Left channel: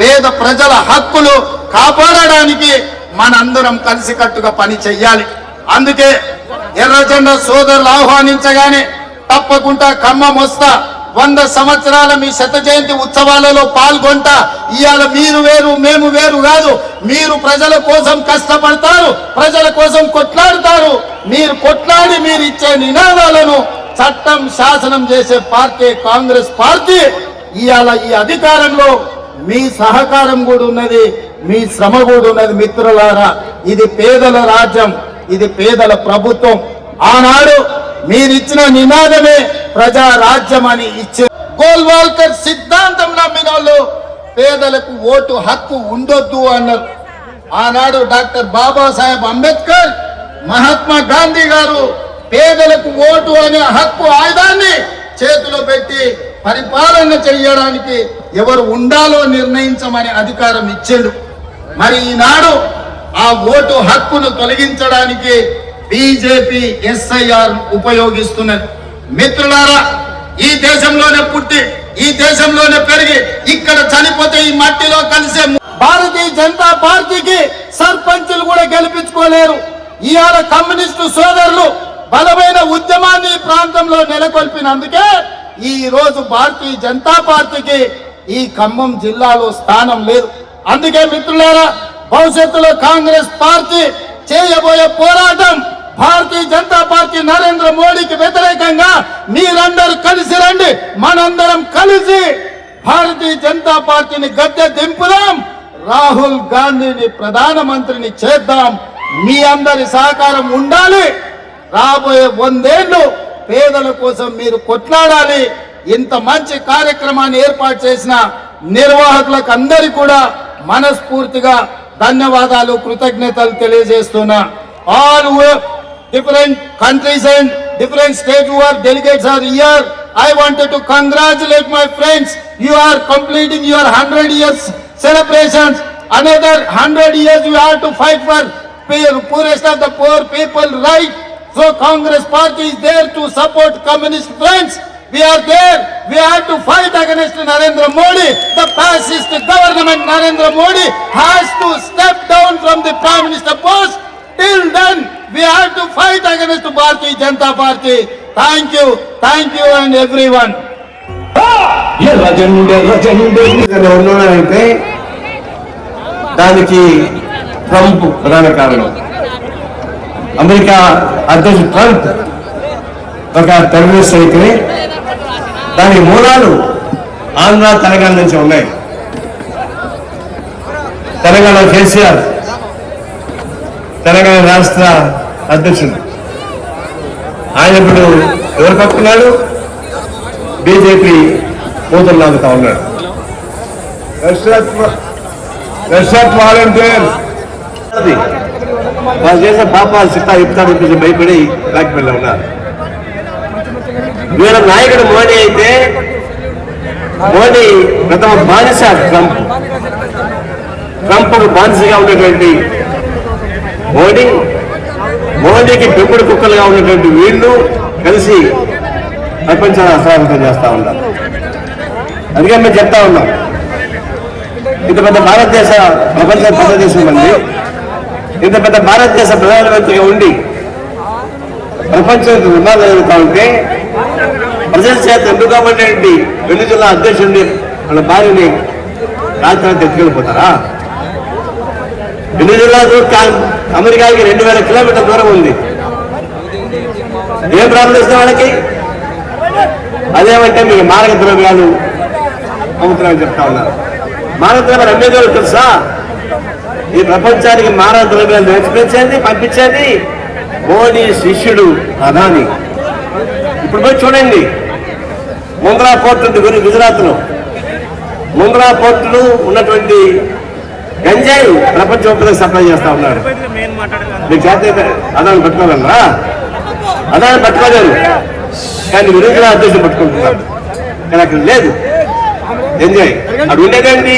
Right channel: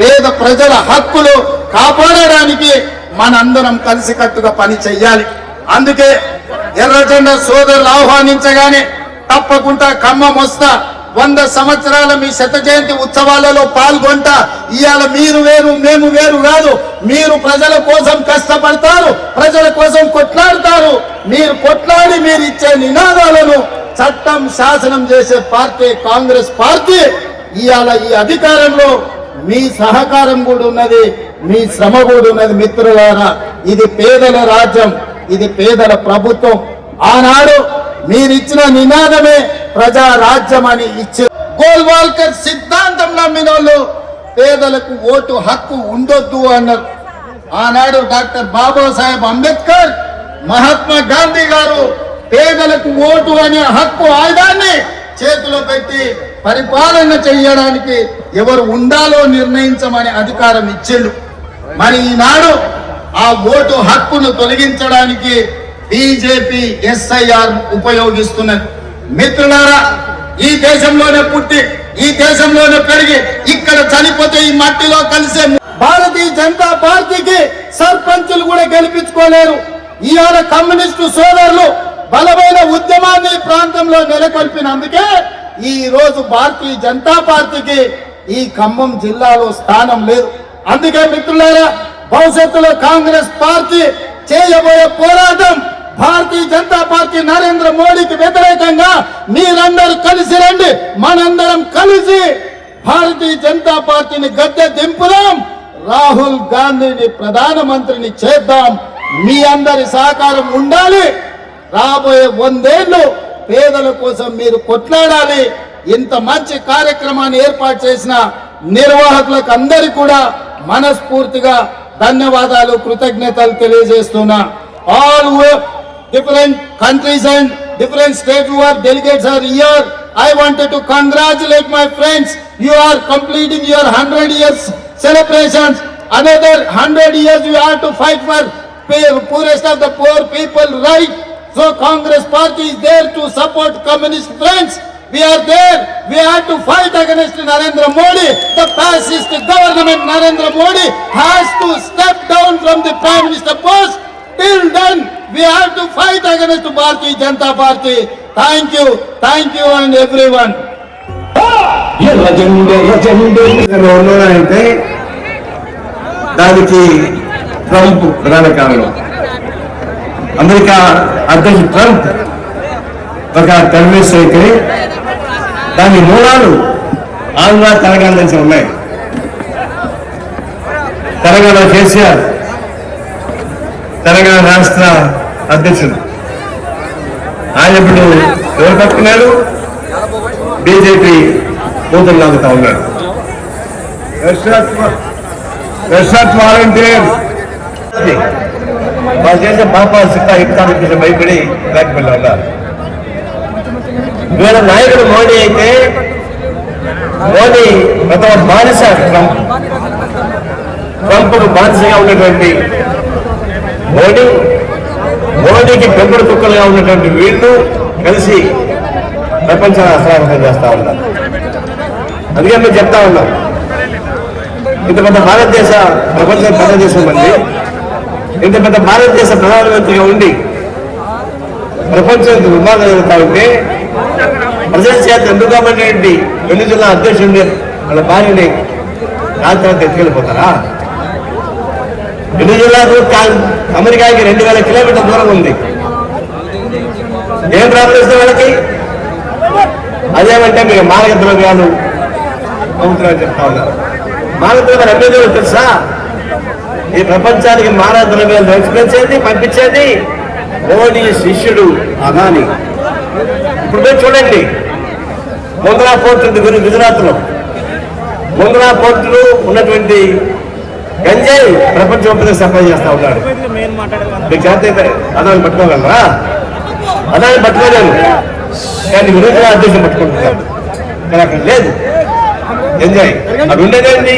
పేద ప్రజల హక్కులు కాపాడడానికి మనందరం కలిసికట్టుగా పని చెయ్యాలి. అందుకే ఎర్రజెండా సోదరులు ఆహ్వానించగానే తప్పకుండా ఖమ్మం వస్తా, 100 సంవత్సరాల మీ శత జయంతి ఉత్సవాలలో పాల్గొంటా. ఇవాళ మీరు వేరు మేము వేరు కాదు. మీరు ప్రజల కోసం కష్టపడతారు, ప్రజల కోసం కొట్లాడతారు. మీరు కొట్లాడి మీరు ఇచ్చే నినాదాలను చట్టం శాసనం చేసే పార్టీ కాంగ్రెస్ పార్టీ. ఇవాళ ఈ అధికారంలో మీ సహకారం కూడా ఉన్నది, మీ శ్రమ కూడా ఉన్నది. మిత్రులారా, ఇది పేదల రాజ్యం, ఇది పేదల ప్రభుత్వం. ఆనాడు మీరిచ్చిన నినాదమే ప్రజా రాజ్యం అని ఇచ్చే గోల్వాల్కర్ సిద్ధాంతం నమ్మిన వాళ్ళు పేదలకు ఓటు హక్కు ఉండొద్దు అన్నారు. ఆనాడు డాక్టర్ బాబాసాహెబ్ అంబేద్కర్, మహాత్మా గాంధీ గారు పేదలకు ఓటు అనే హక్కు ఆయుధాన్ని చేతిలో పెట్టి పరిపాలన చేయడానికి ఎవరు ఉండాలో నిర్ణయించమని అధికారం ఇచ్చిండు. మరి ఈనాడు ఆ ఓటు హక్కును తొలగించడానికి బీజేపీ ఎస్ఐఆర్ ఉపయోగిస్తున్నది. మిత్రులారా, ఈ దేశంలోనే పుట్టి ఈ దేశంలోనే పెరిగి ఇక్కడ చనిపోతే ఈ మట్టిలో కలిసే భారతీయ జనతా పార్టీకి సర్పంచులు కూడా గెలిపించుకోలేరు. ఇవాళ కమ్యూనిస్టు సోదరులు బలమైన ఉద్యమాన్ని ప్రాంతంలో నెలకొల్పినందుకే ఈ రోజు భారతీయ జనతా పార్టీకి ఈ ఖమ్మం జిల్లాలో స్థానం లేదు. అందుకే మిత్రులారా, భవిష్యత్తులో కాంగ్రెస్ పార్టీ చేయబోయే పోరాటం భారతీయ జనతా పార్టీ నరేంద్ర మోడీకి వ్యతిరేకంగా మీరందరూ కలిసి రండి. మనందరం కలిసి భారతీయ జనతా పార్టీని గద్దె దింపుదాం, రాహుల్ గాంధీని ప్రధానమంత్రిని చేద్దాం. మీ అందరి సహకారం ఉండాలి. రాబోయే 100 ఏళ్ళు పేదల కోసం మీరు కొట్లాడాలి. ఇంత మంచి కార్యక్రమాన్ని ఏర్పాటు చేసిన నిర్వాహకులకు అందరికీ కూడా మనస్ఫూర్తిగా ధన్యవాదాలు, కృతజ్ఞతలు తెలియజేస్తున్నా. All different countries and different states who are delegates are here. I wanted to congratulate my friends. You are completing your 100 years celebrations. Another 100 years you have to fight for poorest of the poor people, right? So Congress party is there to support communist friends. We are there. We have to fight against Narendra Modi. The fascist government Narendra Modi has to step down from the Prime Minister post. Till then, we have to fight against Bharatiya Janata Party. Thank you and everyone. అయితే దానికి Trump ప్రధాన కారణం. America అధ్యక్షుడు Trump ఒక terrorist అయితే దాని మూలాలు ఆంధ్ర తెలంగాణ నుంచి ఉన్నాయి. తెలంగాణ కేసీఆర్ తెలంగాణ రాష్ట్ర అధ్యక్షుడు, ఆయన ఇప్పుడు ఎవరు పట్టుకున్నాడు? బీజేపీ కూతురు లాగుతా ఉన్నాడు. వాలంటీర్ వాళ్ళు చేసే పాపాలు సిట్టా ఇస్తాను కొంచెం భయపడి బ్యాక్పెళ్ళి ఉన్నారు. వీళ్ళ నాయకుడు మోడీ అయితే మోడీ ప్రథమ బానిస ట్రంప్ బానిసగా ఉన్నటువంటి మోడీకి పెంపుడు కుక్కలుగా ఉన్నటువంటి వీళ్ళు కలిసి ప్రపంచాన్ని అస్వాగతం చేస్తా ఉన్నారు. అందుకే మేము చెప్తా ఉన్నాం, ఇంత పెద్ద భారతదేశ ప్రపంచ పెద్ద దేశం మంది, ఇంత పెద్ద భారతదేశ ప్రధానమంత్రిగా ఉండి ప్రపంచం విమానం జరుగుతూ ఉంటే ప్రజల చేత ఎన్నుకోబడినటువంటి 2 జిల్లా అధ్యక్షుడిని వాళ్ళ భార్యని రాత్రి ఎత్తుకెళ్ళిపోతారా? 2 జిల్లాలు అమెరికాకి 2000 కిలోమీటర్ల దూరం ఉంది. ఏం ప్రాబ్లం ఇస్తే వాళ్ళకి? అదేమంటే మీకు మారక ద్రవ్యాలు అమ్ముతున్నారని చెప్తా ఉన్నారు. మారక ద్రవ్యాలు అమ్మేదారు తెలుసా? ఈ ప్రపంచానికి మారక ద్రవ్యాలు ఎక్స్పెన్సేది పంపించేది మోడీ శిష్యుడు అదాని. ఇప్పుడు పోయి చూడండి, ముంద్రా పోర్ట్ ఉంది గుజరాత్ లో. ముంద్రా పోర్టులో ఉన్నటువంటి గంజాయి ప్రపంచం సప్లై చేస్తా ఉన్నాడు. మీకు చేత అదాన్ని పట్టుకోగలరా? అదాన్ని పట్టుకోలేరు, కానీ విరోధుల అధ్యక్షులు పట్టుకుంటున్నాడు. కానీ అక్కడ లేదు ఎంజాయ్. అది ఉండేదండి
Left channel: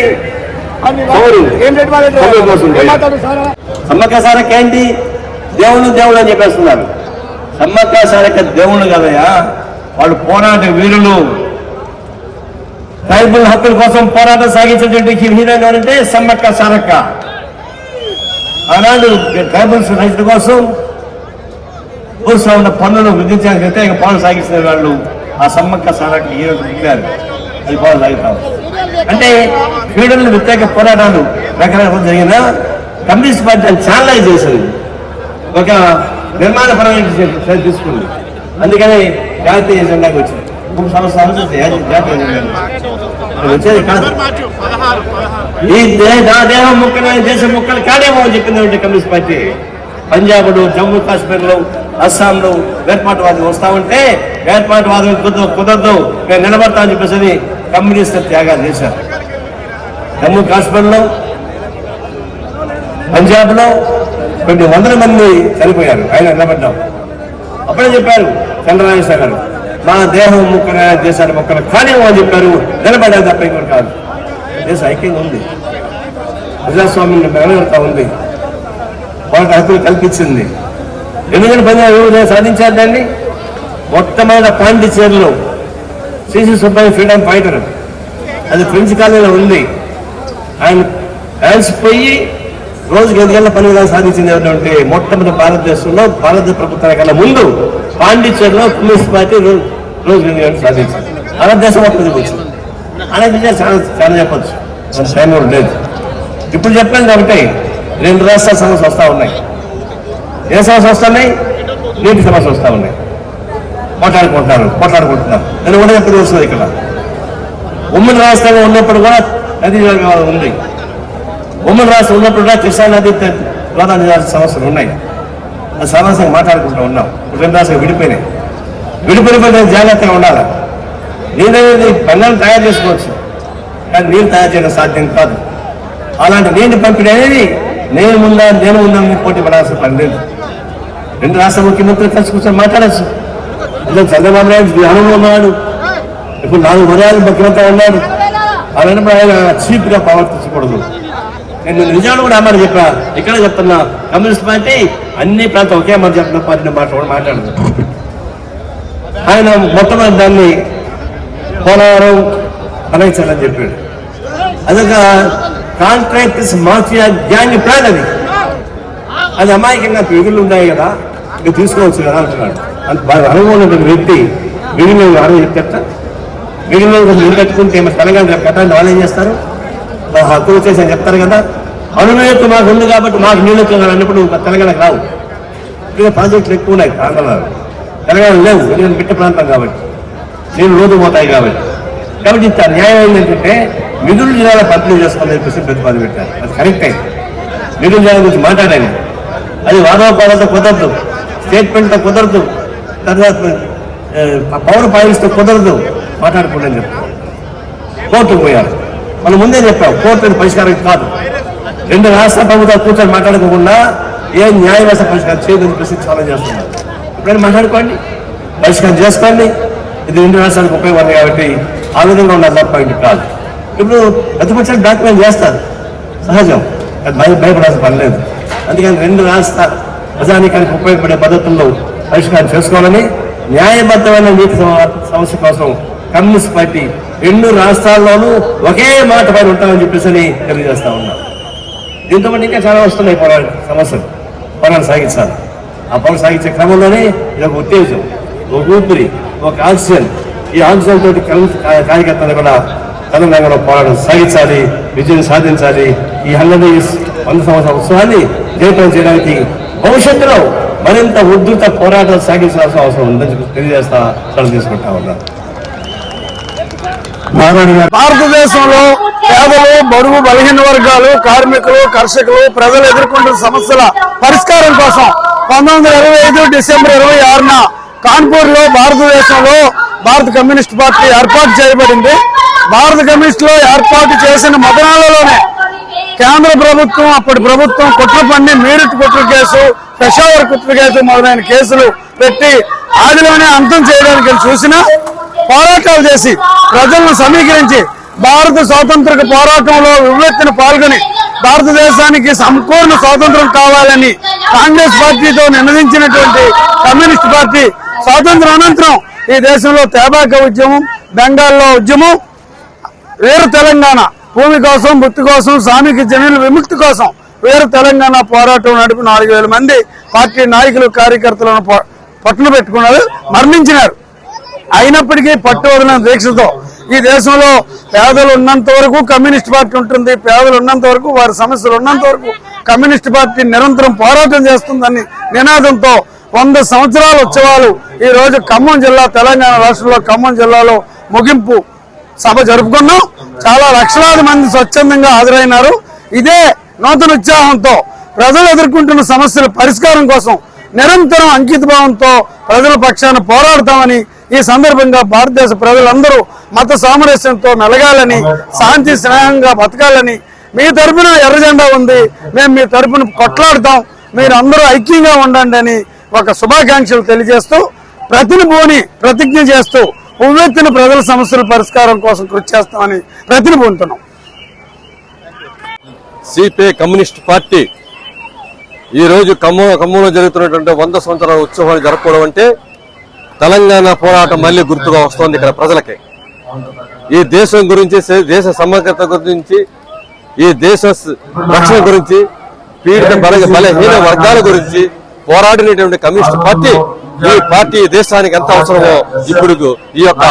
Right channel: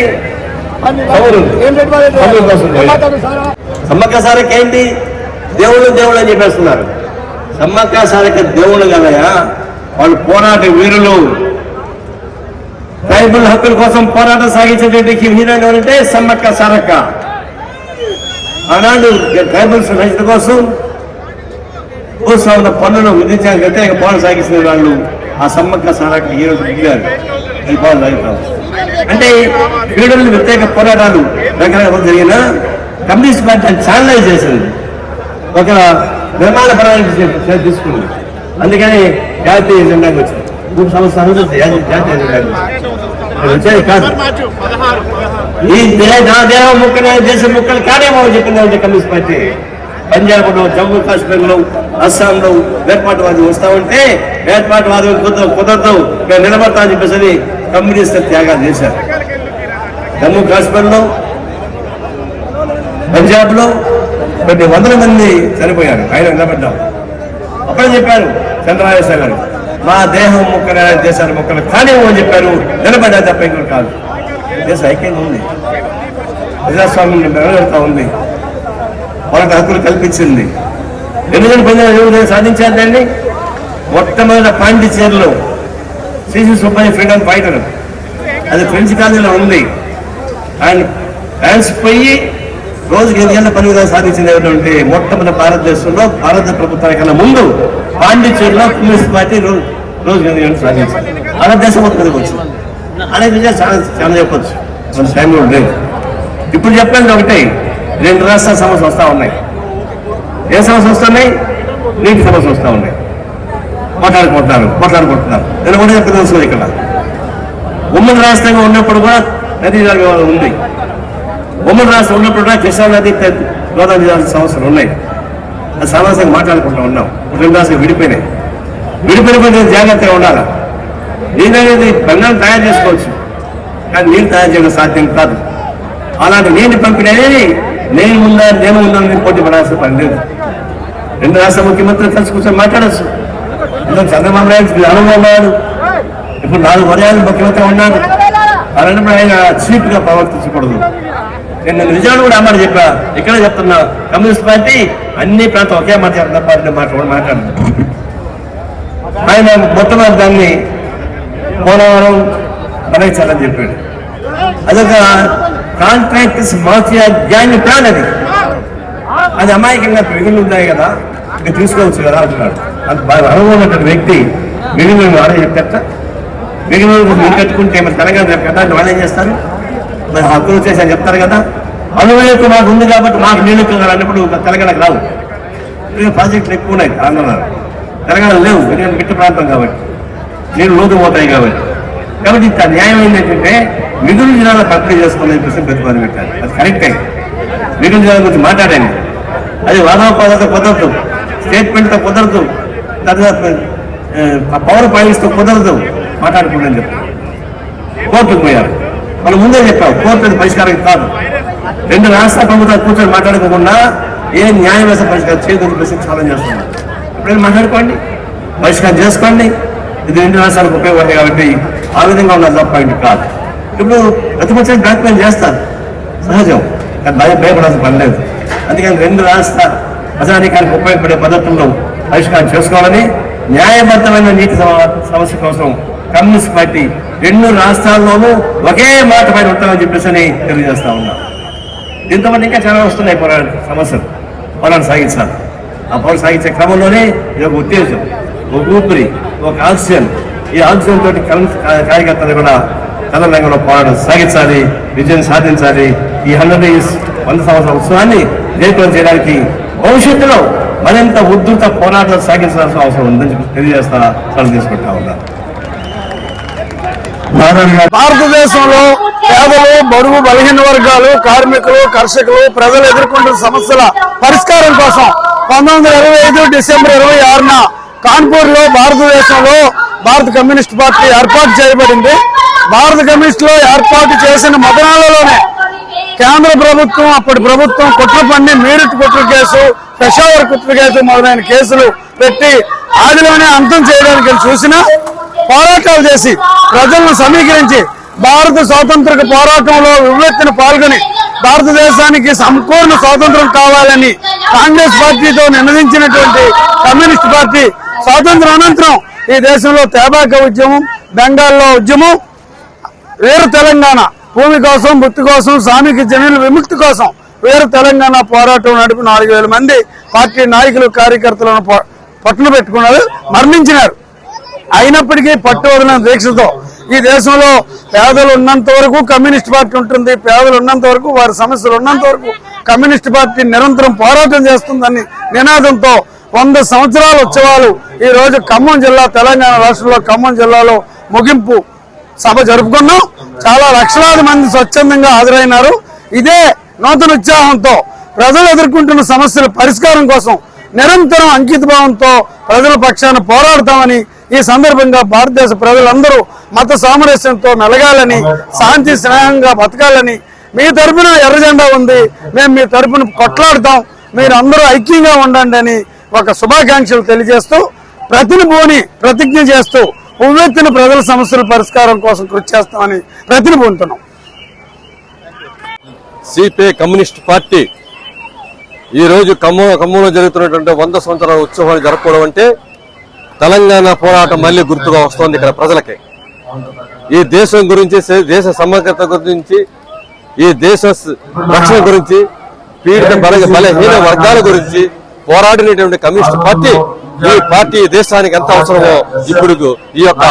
కోసం. సమ్మక్క సారక్క ఏంటి? దేవుళ్ళు అని చెప్పేస్తున్నారు. సమ్మక్క సారక్క దేవుళ్ళు కదయా, వాళ్ళు పోరాట వీరులు. ట్రైబల్ హక్కుల కోసం పోరాటం సాగించేటువంటి హీరోయిన్ అంటే సమ్మక్క సారక్క. ఆనాడు ట్రైబల్స్ రైతుల కోసం భూస్వాముల పన్నును విధించడానికి వ్యతిరేక పోరాటం సాగిస్తున్న వాళ్ళు ఆ సమ్మక్క సారక్క హీరోలు మిగిలారు. అది పోరాటం సాగుతాం అంటే ఫ్యూడల్ వ్యతిరేక పోరాటాలు రకరకాల జరిగిన కమ్యూనిస్ట్ పార్టీ చాలా చేసింది, ఒక నిర్మాణపరమైన తీసుకుంది. అందుకని జాతీయ జెండాకి వచ్చింది 3 సంవత్సరాలు జాతీయ వచ్చేది కాదు. ఈ నా దేహం ముక్కలే దేశం ముక్కలు కాదేమో అని చెప్పిందంటే కమ్యూనిస్ట్ పార్టీ. పంజాబ్లో, జమ్మూ కాశ్మీర్లో, అస్సాంలో వేర్పాటువాదం వస్తా ఉంటే వేర్పాటువాదం కుదరదు మేము నిలబడతా అని చెప్పేసి కమ్యూనిస్ట్ త్యాగాలు చేశారు. జమ్మూ కాశ్మీర్లో, పంజాబ్ లో కొన్ని వందల మంది చనిపోయారు. ఆయన నిలబడ్డాం. అప్పుడే చెప్పారు చంద్రబాబు గారు, మా దేహం ముక్కలు దేశాల ముక్కలు కానివ్వం అని చెప్పారు. నిలబడ్డా తప్ప ఇంకోటి కాదు. దేశ ఐక్యంగా ఉంది, ప్రజాస్వామ్యం నిలబెడతా ఉంది, వాళ్ళకి హక్కులు కల్పించింది. ఎందుకంటే ప్రజలు సాధించారు దాన్ని. మొట్టమొదటి పాండిచేరిలో శ్రీ సుబ్బయ్య ఫ్రీడమ్ ఫైటర్, అది ఫ్రెంచ్ కాలనీలో ఉంది. ఆయన ఫ్రాన్స్ పోయి రోజుకి 5 గంటల పనిగా సాధించింది ఏమిటంటే మొట్టమొదటి భారతదేశంలో భారత ప్రభుత్వానికి కన్నా ముందు పాండిచేరిలో కమ్యూనిస్ట్ పార్టీ రోజుకి 8 గంటలు సాధించింది. అలా దేశం మొత్తం వచ్చింది. అలాగే చాలా చెప్పచ్చు, సమయం లేదు. ఇప్పుడు చెప్పాను ఒకటే, 2 రాష్ట్రాల సమస్యలు వస్తూ ఉన్నాయి. ఏ సమస్య వస్తున్నాయి? నీటి సమస్య వస్తూ ఉన్నాయి. కొట్లాడుకుంటున్నారు. నేను కూడా తెలుసు ఇక్కడ ఉమ్మడి రాష్ట్రంగా ఉన్నప్పుడు కూడా నదీ ఉంది. ఉమ్మడి రాష్ట్రం ఉన్నప్పుడు కూడా కృష్ణా నది గోదావరి సమస్యలు ఉన్నాయి. ఆ సమస్యలు మాట్లాడుకుంటూ ఉన్నాం. 2 రాష్ట్రాలు విడిపోయినాయి. విడిపోయిన జాగ్రత్తగా ఉండాలి. నీళ్ళు అనేది పన్నాలు తయారు చేసుకోవచ్చు, కానీ నీళ్ళు తయారు చేయడం సాధ్యం కాదు. అలాంటి నీటి పంపిణీ అనేది నేను ఉందని పోటీ పడాల్సిన పని లేదు. 2 రాష్ట్ర ముఖ్యమంత్రులు కలిసి కూర్చొని మాట్లాడచ్చు. చంద్రబాబు నాయుడు అనుభవం ఉన్నాడు, ఇప్పుడు 4 పర్యాలు ముఖ్యమంత్రి ఉన్నాడు. అలాంటి ఆయన చీప్ గా ప్రవర్తించకూడదు. నేను నిజాన్ని కూడా అన్నారు చెప్పా, ఇక్కడ చెప్తున్నా, కమ్యూనిస్ట్ పార్టీ అన్ని ప్రాంతం ఒకే మాట చెప్తున్న పార్టీ మాట్లాడు. ఆయన మొట్టమొదటి దాన్ని పోలవరం అనేచాలని చెప్పాడు. అదొక కాంట్రాక్టర్స్ మాఫియా గ్యాంగ్ ప్లాన్. అది అమాయకంగా మిగులు ఉన్నాయి కదా, ఇది తీసుకోవచ్చు కదా అంటున్నాడు. అది బాగా అనుభవం ఉంటుంది వ్యక్తి. మిగిలిన వాళ్ళు చెప్తారట, మిగిలిన మనం పెట్టుకుంటే మరి తెలంగాణ కదా వాళ్ళు ఏం చేస్తారు, హక్కులు వచ్చేసి అని చెప్తారు కదా. అనుభవం మాకు ఉంది కాబట్టి మాకు నీళ్ళు అన్నప్పుడు తెలంగాణకు రావు. ప్రాజెక్టులు ఎక్కువ ఉన్నాయి ఆంధ్రలో, తెలంగాణ లేవు. ఎందుకంటే మిట్ట ప్రాంతం కాబట్టి నీళ్ళు రోజు పోతాయి కాబట్టి. కాబట్టి ఇంత న్యాయం ఏంటంటే మిగులు జిల్లాలో పంపిణీ చేసుకోవాలని చెప్పేసి ప్రతిపాదన పెట్టారు. అది కరెక్ట్ అయింది. మిగులు జిల్లా గురించి మాట్లాడాను. అది వాదోపాలతో కుదరదు, స్టేట్మెంట్తో కుదరదు, తర్వాత పవర్ పాయింట్స్తో కుదరదు, మాట్లాడుకుందని చెప్పారు. కోర్టుకు పోయారు. వాళ్ళు ముందే చెప్పారు కోర్టు పరిష్కారం కాదు. 2 రాష్ట్ర ప్రభుత్వాలు కూర్చొని మాట్లాడుకోకుండా ఏ న్యాయ వ్యవస్థ పరిష్కారం చేయదని చెప్పేసి ఛాలెంజ్ చేస్తున్నారు. ఎప్పుడైనా మాట్లాడుకోండి, పరిష్కారం చేసుకోండి. ఇది 2 రాష్ట్రాలకు ఉపయోగపడతాయి కాబట్టి ఆ విధంగా ఉన్న పాయింట్ కాదు. ఇప్పుడు ప్రతిపక్షానికి డాక్యుమెంట్ చేస్తారు, సహజం, భయపడాల్సిన పని లేదు. అందుకని 2 రాష్ట్ర ప్రజానీకానికి ఉపయోగపడే పద్ధతుల్లో పరిష్కారం చేసుకోవాలని, న్యాయబద్ధమైన నీటి సమస్య కోసం కమ్యూనిస్ట్ పార్టీ 2 రాష్ట్రాల్లోనూ ఒకే మాట పైన ఉంటామని చెప్పేసి తెలియజేస్తా ఉన్నాం. దీంతో పాటు ఇంకా చాలా వస్తున్నాయి సమస్యలు. పోరాటం సాగించాలి. ఆ పోరాటం సాగించే క్రమంలోనే ఇది ఒక ఉత్తేజం, ఒక ఊపిరి, ఒక ఆక్సిజన్. ఈ ఆక్సిజన్ తోటి కార్యకర్తలు కూడా తెలంగాణలో పోరాటం సాగించాలి, విజయం సాధించాలి. ఈ 100 సంవత్సరాల ఉత్సవాన్ని జయప్రదం చేయడానికి భవిష్యత్తులో మరింత ఉద్ధృత పోరాటం సాగించాల్సిన అవసరం ఉందని చెప్పి తెలియజేస్తా సెలవు తీసుకుంటా ఉన్నారు. భారతదేశంలో పేదలు, బడుగు, బలహీన వర్గాలు, కార్మికులు, కర్షకులు, ప్రజలు ఎదుర్కొంటున్న సమస్యల పరిష్కారం కోసం 1925 డిసెంబర్ 26న కాన్పూర్ లో భారతదేశంలో భారత కమ్యూనిస్ట్ పార్టీ ఏర్పాటు చేయబడింది. భారత కమ్యూనిస్టులో ఏర్పాటు చేసిన మొదనాలలోనే కేంద్ర ప్రభుత్వం, అప్పటి ప్రభుత్వం కుట్ర పన్ని మీరట్ కుట్ర కేసు, పెషావర్ కుట్ర కేసు మొదలైన కేసులు పెట్టి ఆదిలోనే అంతం చేయడానికి చూసిన పోరాటాలు చేసి ప్రజలను సమీకరించి భారత స్వాతంత్ర పోరాటంలో వివెత్తున పాల్గొని భారతదేశానికి సంపూర్ణ స్వాతంత్రం కావాలని కాంగ్రెస్ పార్టీతో నినదించినటువంటి కమ్యూనిస్ట్ పార్టీ స్వాతంత్రం అనంతరం ఈ దేశంలో తేబాక ఉద్యమం, బెంగాల్లో ఉద్యమం, వీర తెలంగాణ భూమి కోసం, బుత్తి కోసం, శ్రామిక జనుల విముక్తి కోసం వీర తెలంగాణ పోరాటం నడిపి 4,000 మంది పార్టీ నాయకులు, కార్యకర్తలను పట్టున పెట్టుకున్నారు, మరణించినారు. అయినప్పటికీ పట్టువదలిన దీక్షతో ఈ దేశంలో పేదలు ఉన్నంత వరకు కమ్యూనిస్ట్ పార్టీ ఉంటుంది, పేదలు ఉన్నంత వరకు, వారి సమస్యలు ఉన్నంత వరకు కమ్యూనిస్ట్ పార్టీ నిరంతరం పోరాటం చేస్తుందని నినాదంతో 100 సంవత్సరాల ఉత్సవాలు ఈ రోజు ఖమ్మం జిల్లా, తెలంగాణ రాష్ట్రంలో ఖమ్మం జిల్లాలో ముగింపు సభ జరుపుకున్నాం. చాలా లక్షలాది మంది స్వచ్ఛందంగా హాజరైనారు. ఇదే నూతన ఉత్సాహంతో ప్రజలు ఎదుర్కొంటున్న సమస్యల పరిష్కారం కోసం నిరంతరం అంకితభావంతో ప్రజల పక్షాన పోరాడతామని ఈ సందర్భంగా భారతదేశ ప్రజలందరూ మత సామరస్యంతో మెలగాలని, శాంతి స్నేహంగా బతకాలని, మీ తరపున ఎర్ర జెండా ఉంది, మేము మీ తరపున కొట్లాడతాం, మీరు అందరూ ఐక్యంగా ఉండండి అని ఒక శుభాకాంక్షలు తెలియజేస్తూ ప్రతిజ్ఞ చేస్తూ ఉవ్వెత్తిన ప్రజల సమస్యల పరిష్కారం కోసం కృషి చేస్తామని ప్రతిజ్ఞ పొందుతున్నాం. సిపిఐ కమ్యూనిస్ట్ పార్టీ ఈ రోజు ఖమ్మంలో జరుగుతున్నటువంటి 100 సంవత్సరాల ఉత్సవాలు జరుపుకోవడం అంటే తెలంగాణ పోరాటం మళ్ళీ గుర్తుగా వస్తోంది ఇక్కడ ప్రజలకి. ఈ దేశం గురించి, దేశ సమగ్రత గురించి, ఈ దేశ రక్షణ గురించి, పీడిత బలహీన వర్గాల గురించి పోరాడినటువంటి కమ్యూనిస్ట్ పార్టీ, ఈ పార్టీ దేశానికి ఎంత అవసరమో ఇప్పుడు ఈ యొక్క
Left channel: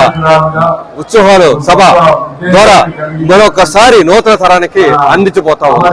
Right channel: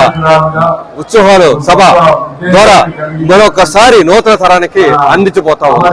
ఉత్సవాలు సభ ద్వారా మరొకసారి నూతన తరానికి అందించిపోతా ఉంది.